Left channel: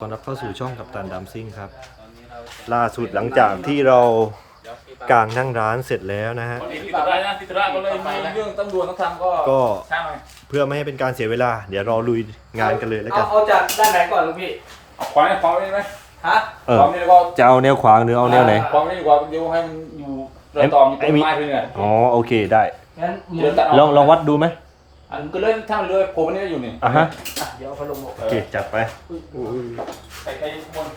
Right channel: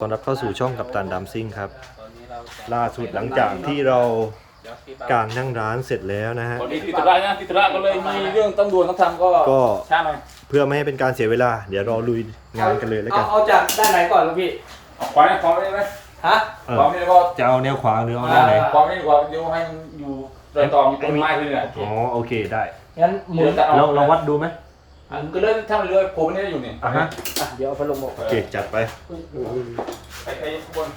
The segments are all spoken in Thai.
ต้อนรับเข้าสู่ช่องกับตันดัมซิ่งครับ ล่าสุดหลังจากที่เรากางนั่งร้านเสร็จแล้วนะฮะ วันนี้ติดธุระนะติดธุระก็เลยมีเรื่องต้องด่วนต้องทำก็ก็ช้าหน่อยเพื่อไม่ให้เป็นการเสียเวลา เดี๋ยวเราลุยงานกันเลยแล้วกัน เอาเอาจากด้านไหนก่อนลูกพี่เอาควายนะควายนี่ไหมฮะเออควายนี่ก็จะเอาแนวขวางหรือเอาแนวไหนควายนี่กว่าเดี๋ยวให้มันอยู่เรื่องตองต้นไม้ไปเนี่ยอ๋อโอเคได้งั้นหมุนเราเราวัดดูไหม อะมันก็เลยถ้ามันเลยผมนี่อยู่นี่อะฮะอะเดี๋ยวเอาพัดลมออกโอเคจัดไปไปไปบน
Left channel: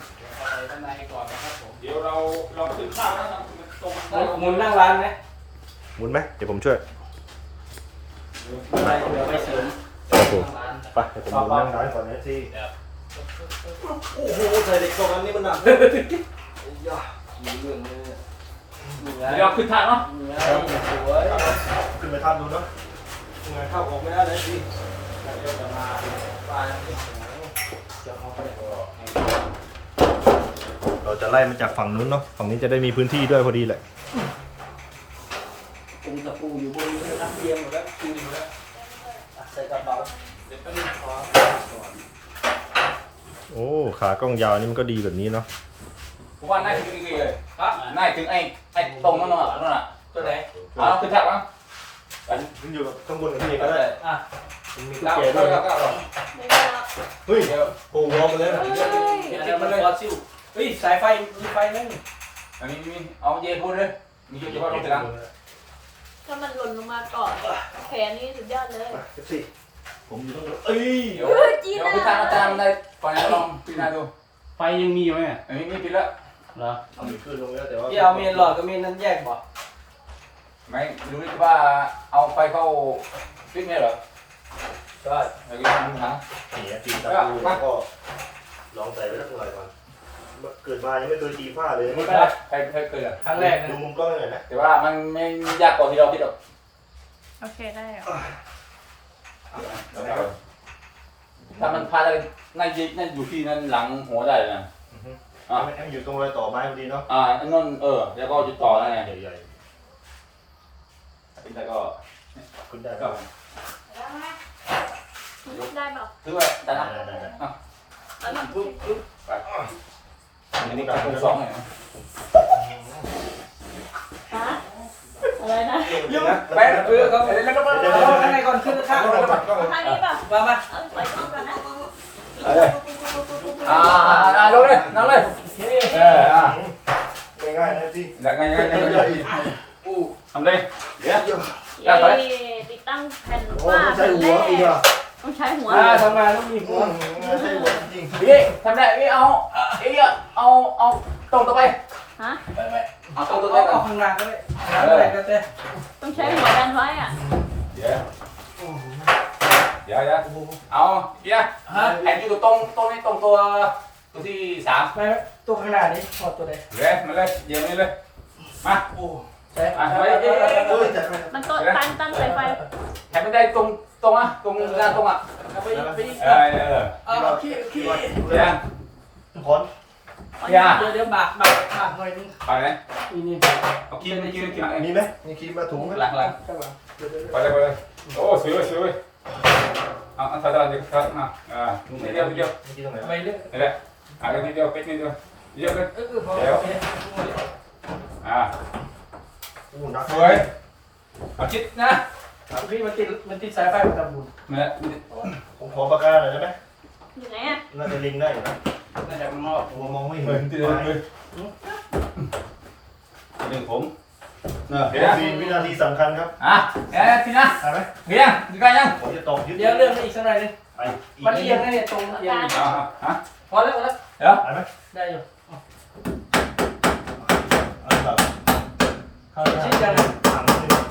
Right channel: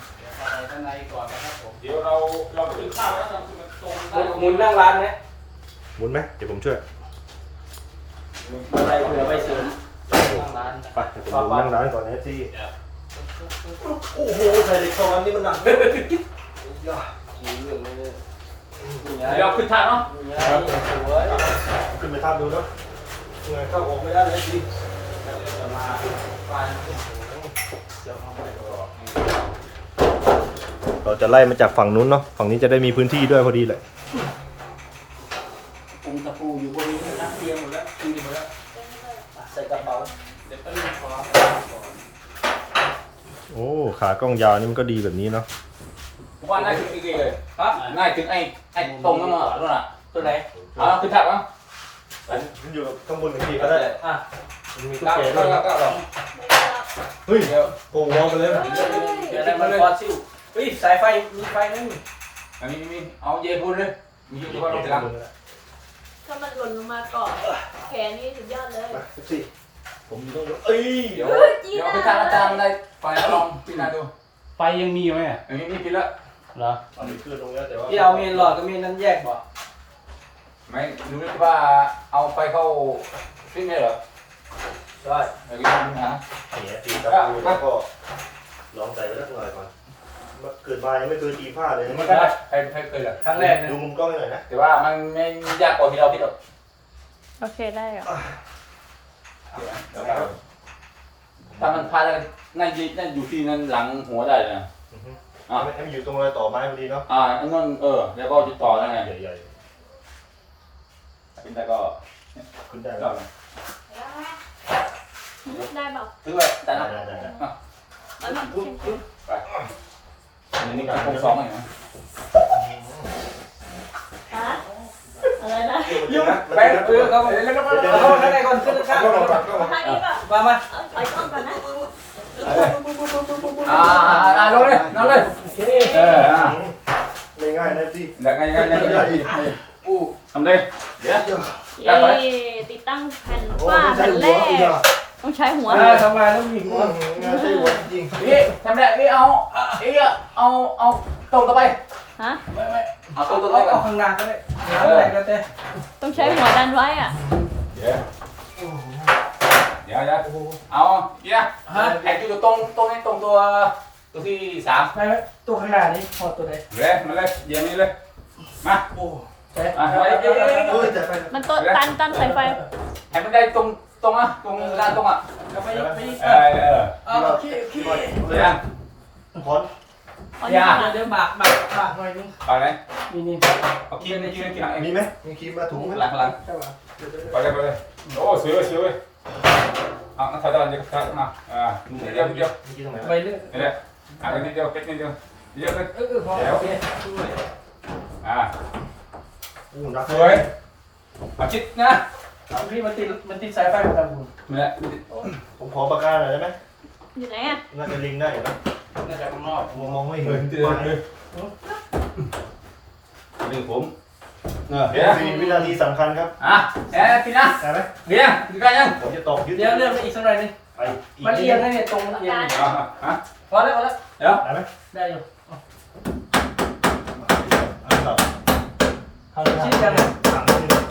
ข้างในก่อนนะครับผมเดี๋ยวเราเราไปถึงข้าวนะทำตรงหมุนนั่งร้านไหมหมุนไหมเดี๋ยวผมช่วยไปเดี๋ยวไปเสริมนั่งร้านไปเดี๋ยวผมหมุนนั่งร้านก่อนนะที่โอ้โหใส่เหล็กโซนนี่มันหนักย่าเรื่องเลยเดี๋ยวขึ้นทางเนาะสวยขึ้นไปทับดูเนาะ งานเข้าออกไม่ได้เลยที่เราจะไล่มาจากฝั่งนู้นเนาะ ฝั่งนี้จะได้มีพื้นที่ด้วยพอดีเลยปุงตะปูอยู่บริเวณนั้นเตียงหมดแล้วคืนหมดแล้วอะใส่กระเป๋าเดี๋ยวไปดูขอโอ้ ขากล้องยาวนี่มันก็ดีแบบนี้เนาะผมว่าน่าถึงไอ้เกย์เลยฮะน่าถึงไอ้ไอ้ตรงนั่นน่ะนั่นน่ะตัวไหนอะขึ้นทางอะ มันอยู่กับข้างบนกับพี่ก็ได้อะมันมีตุ๊กเก้าแกเก้าด้วยเก้าเก้าเฮ้ยเดี๋ยวโอ้วอลไปเลยนะเดี๋ยวนั้นมันฟอสซิลเฮ้ยสายไฟมีไฟนั่นอันนี้มีเอาเยพูนเลยมีเยพูนลงทีหลังถ้ามันหล่นลงมาก่อนแผลนี่สุดยอดเลยไปสิผมอยู่ตรงนู้นเอ้ยเดี๋ยวเดี๋ยวไปทางอาจารย์ได้ไปลองพิจารณาดูไฟยังมีอยู่ไหมอะอันนี้มีพิละเหรอเอาไปขึ้นตรงนี้แต่ว่าพี่เอาเมนหลอดกับเมนนั้นแยกบ่ ไม่รู้ว่าเอาไปเข้าฟิตเนสเหรอได้เดี๋ยวลองดูนะเสียตีกับดูแล้วก็ลองใส่ไว้สักหน่อยก่อนเกิดมายังไม่เคยตีผ้าเลยมันนี่ก็ใครใครเคยเหรอครั้งแรกนะดูมุมกล้องให้หน่อยนะแต่ว่ามันไม่ยากกว่าที่เราคิดหรอกโอเคได้เหรอถ้ามันพาได้นั่นยืนนั่นอยู่ที่นั่นหลังหัวได้เลยนะอะให้มันอยู่ตรงรอยต่อไม้พอดีเนาะอ่าไอ้นั่นเออ แล้วก็ติดต่อได้ไง ใหญ่ พี่แต่ก็ๆขึ้นได้ไหมก็ได้เปล่าถือว่าแต่นะได้ได้ได้อันนี้ปึ๊บปึ๊บไปอันนี้ก็คงสองเลยนะฮะอะไรนะไปเพื่อเขาเขาข้างในก่อนขึ้นข้างก็ก่มาอนก่อนก็มาท่านี้ป่ะมามาเอาถอยกล้องก่อนนะอ่าอ่าลงเลยนั่งเลยเอออะง่ายๆนะที่เดี๋ยวไงไงไงไงอู้ ทำเลยเดี๋ยวเย้ติดตั้งแผ่นโอ้ว่าไม่ใช่หัวอีกอะต้องใช้หัวอ่าทำงานต้องมีหัวงานใช่หัวจริงพี่ทำได้พี่เอาเอ้ยเอาเอาตรงต่อไปฮะเอาตรงต่อเอาไปเอาข้างหน้าก็ได้แล้วแต่ก็ได้ต้องใช้หัวดันไว้อะเดี๋ยวเดี๋ยวเดี๋ยวเอาเดี๋ยวไอ้ตัวตรงตรงนี้ตรงตัวตัวที่สามไปไหมตัวข้างหน้านี้พอตัวใดเลยมาเลยเยี่ยมเลยมาโอ้ ใช่อะไปไปไปเยไปเอ้ยไปเอ้ยจัดไปมันต้นตันตันสายไฟให้มันได้ตรงตรงอะตรงกลางตรงอะไปไปเออเออเอาโอเคโอเคเดี๋ยวขนเดี๋ยวเดี๋ยวบากบากบากหน่อยนึงไปไหนนี่นี่เอากินกินกินหลังมีไหมมีคีมมาถูหลังหลังหลังไปเลยไปเลยโอ้สวยเลยสวยเลยเอาเอาถอยถอยเดี๋ยวถอยอะอ่านิดเดียวนิดเดียวมีครีมตรงไหนไปเรื่อยนี่แหละอะนิดเดียวเป็ดนิดเดียวเดียวเลยเออเออพอโอเคอ่าอู้นักสวยเอาชิดนะพี่มันติดมันติดสายไฟมาทำบุญนี่แหละผมขอปากกาหน่อยได้ไหมอยู่ไหนอะน่าจะลิงได้นะน่าจะมันนอกมัวมองไม่เหเห็มือนนที่เดิมเลยหนึ่งผมเออเดี๋ยวมีวินาทีสำคัญครับ อะแกพี่นะได้ไหมเฮียดูกันยังผมจะตอบยึดเดี๋ยวเรื่องอีกสักหน่อยนึงไปอีกมันเอียงนะเนี่ยตรงเอียงอะอะพอแล้วพอแล้วเดี๋ยวได้ไหมได้อยู่ครับเอา ชิ้นยังไงถามนิดนึง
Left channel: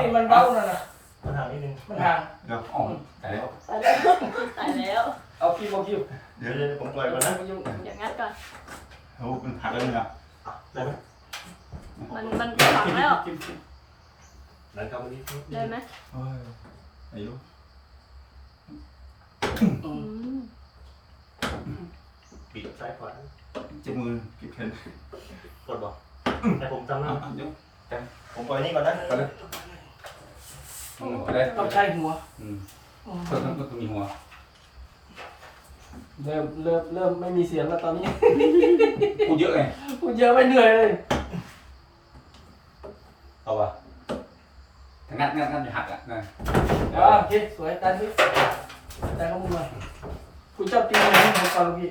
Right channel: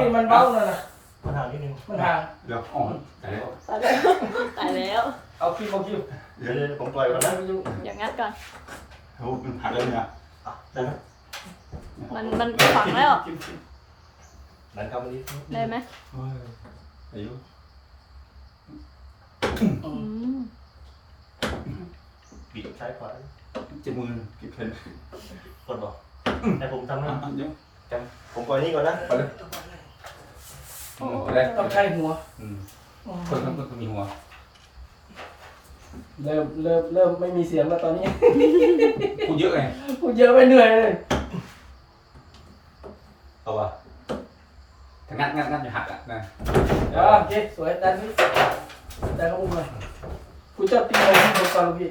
นี่มันเบ้าหน่อยนะปัญหานิดนึงมันห่างเดี๋ยวอ๋อแต่แล้วตายแล้วตายแล้ว เอาคิวเอาคิวเดี๋ยวเดี๋ยวผมปล่อยก่อนนะอย่างงั้นก่อนโอ้หักเลยนะได้ไหมมันมันฝังแล้วนั่นครับวันนี้ได้ไหมเฮ้ยอายุอืมปิดซ้ายขวาเจ็ดมือกี่เพนกดบอกให้ผมทำอะนะเดี๋ยว ผมปล่อยนี่ก่อนนะไปเลยอืมไปเลยต้องใช้หัวอืมเพิ่มเพิ่มมีหัวเริ่มเริ่มเริ่มไม่มีเสียงแล้วตอนนี้ กูเยอะไงพูดเยอะไปเหนื่อยเลยเอาป่ะถ้างั้นงั้นงั้นอย่าหักอะนะเดี๋ยวโอเคสวยตาที่แต่ก็มึงเลยคุณเจ้าตีเลยที่เป็นกอลูกพี่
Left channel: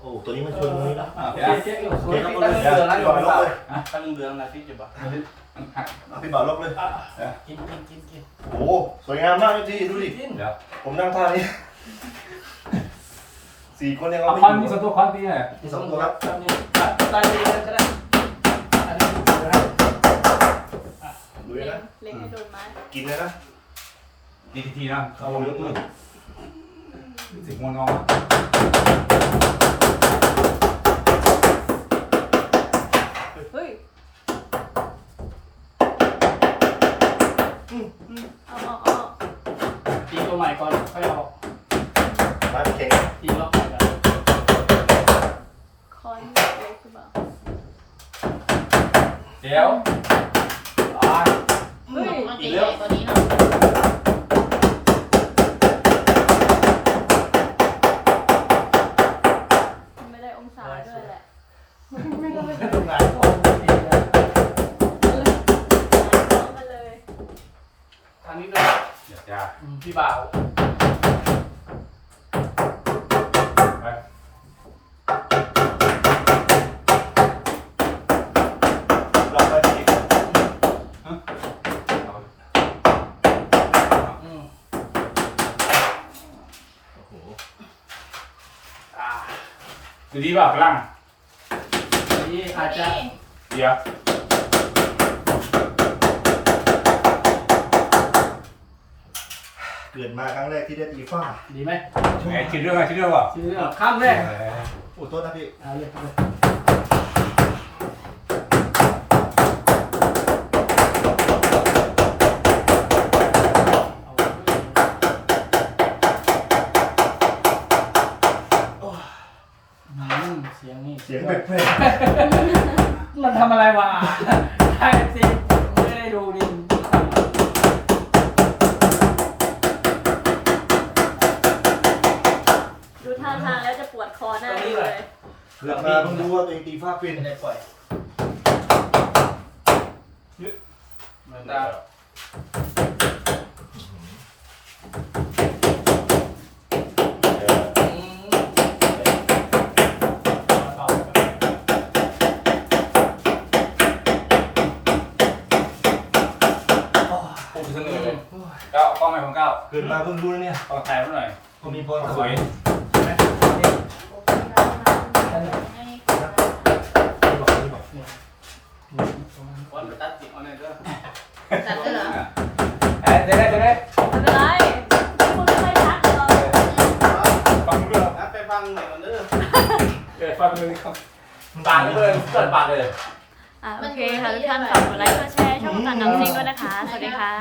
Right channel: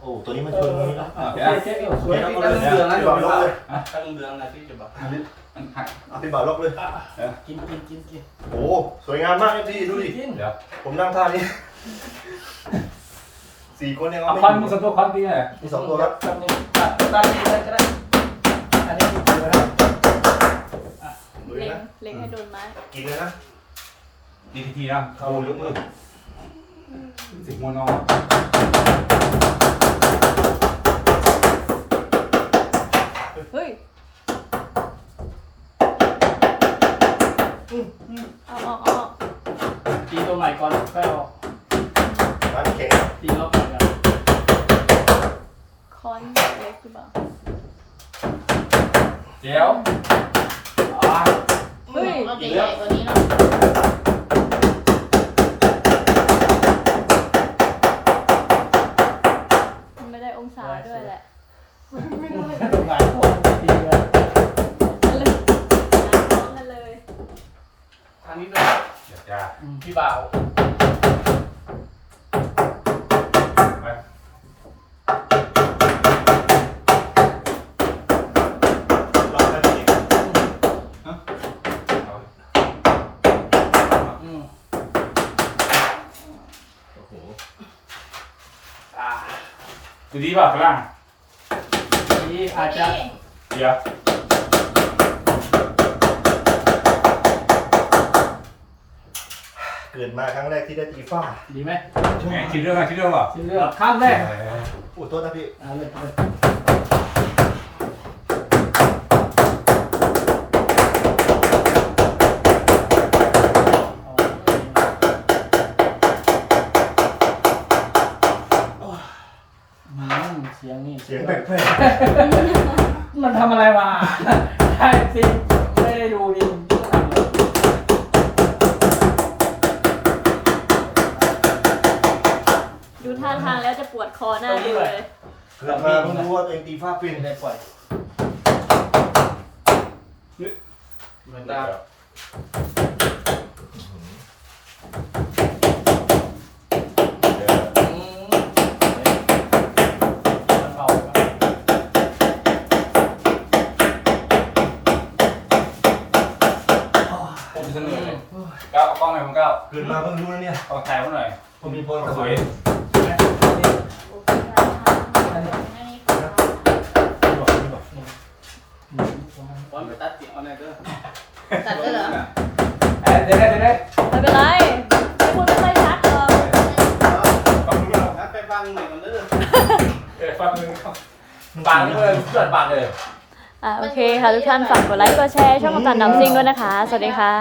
โอ้ตัวนี้มันเอคืออตรงนี้เนาะโอเคโอเคเออสวยตีตั้ตั้งงเดืเดืออนนนะนะพี่พี่บบออกกลบเลยตั้งเดือนนะพี่จะบอกมันหักเอาพี่บ่าวลบเลย กินกินกินกินโอ้สวยงามมากครับพี่ดูดิกินเดี๋ยวผมนั่งท่านี้สี่คนยังเอาเอาไม่คอนอมียู่สองตัวคอนตีไงมีสองตัวครับตาหนึ่งตาตาดีเลยก็ได้อันนี้คืออะไรดูเลยนะเล็กให้โดนไม้กินเลยนะดีทีทีนะเข้าวงยกมือสิบมวนงอเล็กขึ้นมาเดี๋ยวอ่าเฮ้ยอีกแล้วมันไม่ได้องศาด้วยแหละ ตรงไหนตัวตีเลย เลยพร้อมกันเลย ทางนี้ด้วย เดี๋ยวจะ พี่บ่าว ไป ลองไปพี่ อืม โอ้โห อ่า ดูดีป่ะฝรั่งทีอาจจะเดี๋ยวเกิดมาครั้งแรกที่ได้ตีฟ้าดีไหมไอ้คิดเรื่องอะไรคิดเรื่องป่ะชื่อเรื่องข้ามแน่พูดโทษนะพี่ เอาเลยเอาเลยอืมเสียงนี่เสียงแปลกมันทำอะไรมาใช่สิไม่ได้ดูดิดูท่าทางแล้วจะปวดคอหน้าดูเลยๆเกิดมาเพิ่งรู้ว่าตัวเองตีฟ้าเป็นไม่ได้ปล่อย เหมือนดาว อืมเบาไปก่อน ผมเสนอ ก้าวกล้องไหนของก้าวเกิดมาเพิ่งรู้นะเนี่ยกล้องถ่ายมาหน่อยผมมีพรสสววยยบอกไม่บอกตัดสิเอาเนี่ยเด้อตัดด้วยเหรอเอ๊ะเดี๋ยวได้เดี๋ยวได้ไม่เป็นไรพูดไม่รัดหรอกฟังมืองั้นไปฟังหน่อยมันเด้อเออฟังมือปากเลยเปิดปากเลยอ่าโอเคค่ะทุกท่านฝากกดไลค์กดแชร์ช่องตันน้ำซิงด้วยนะคะ สวัสดีค่ะ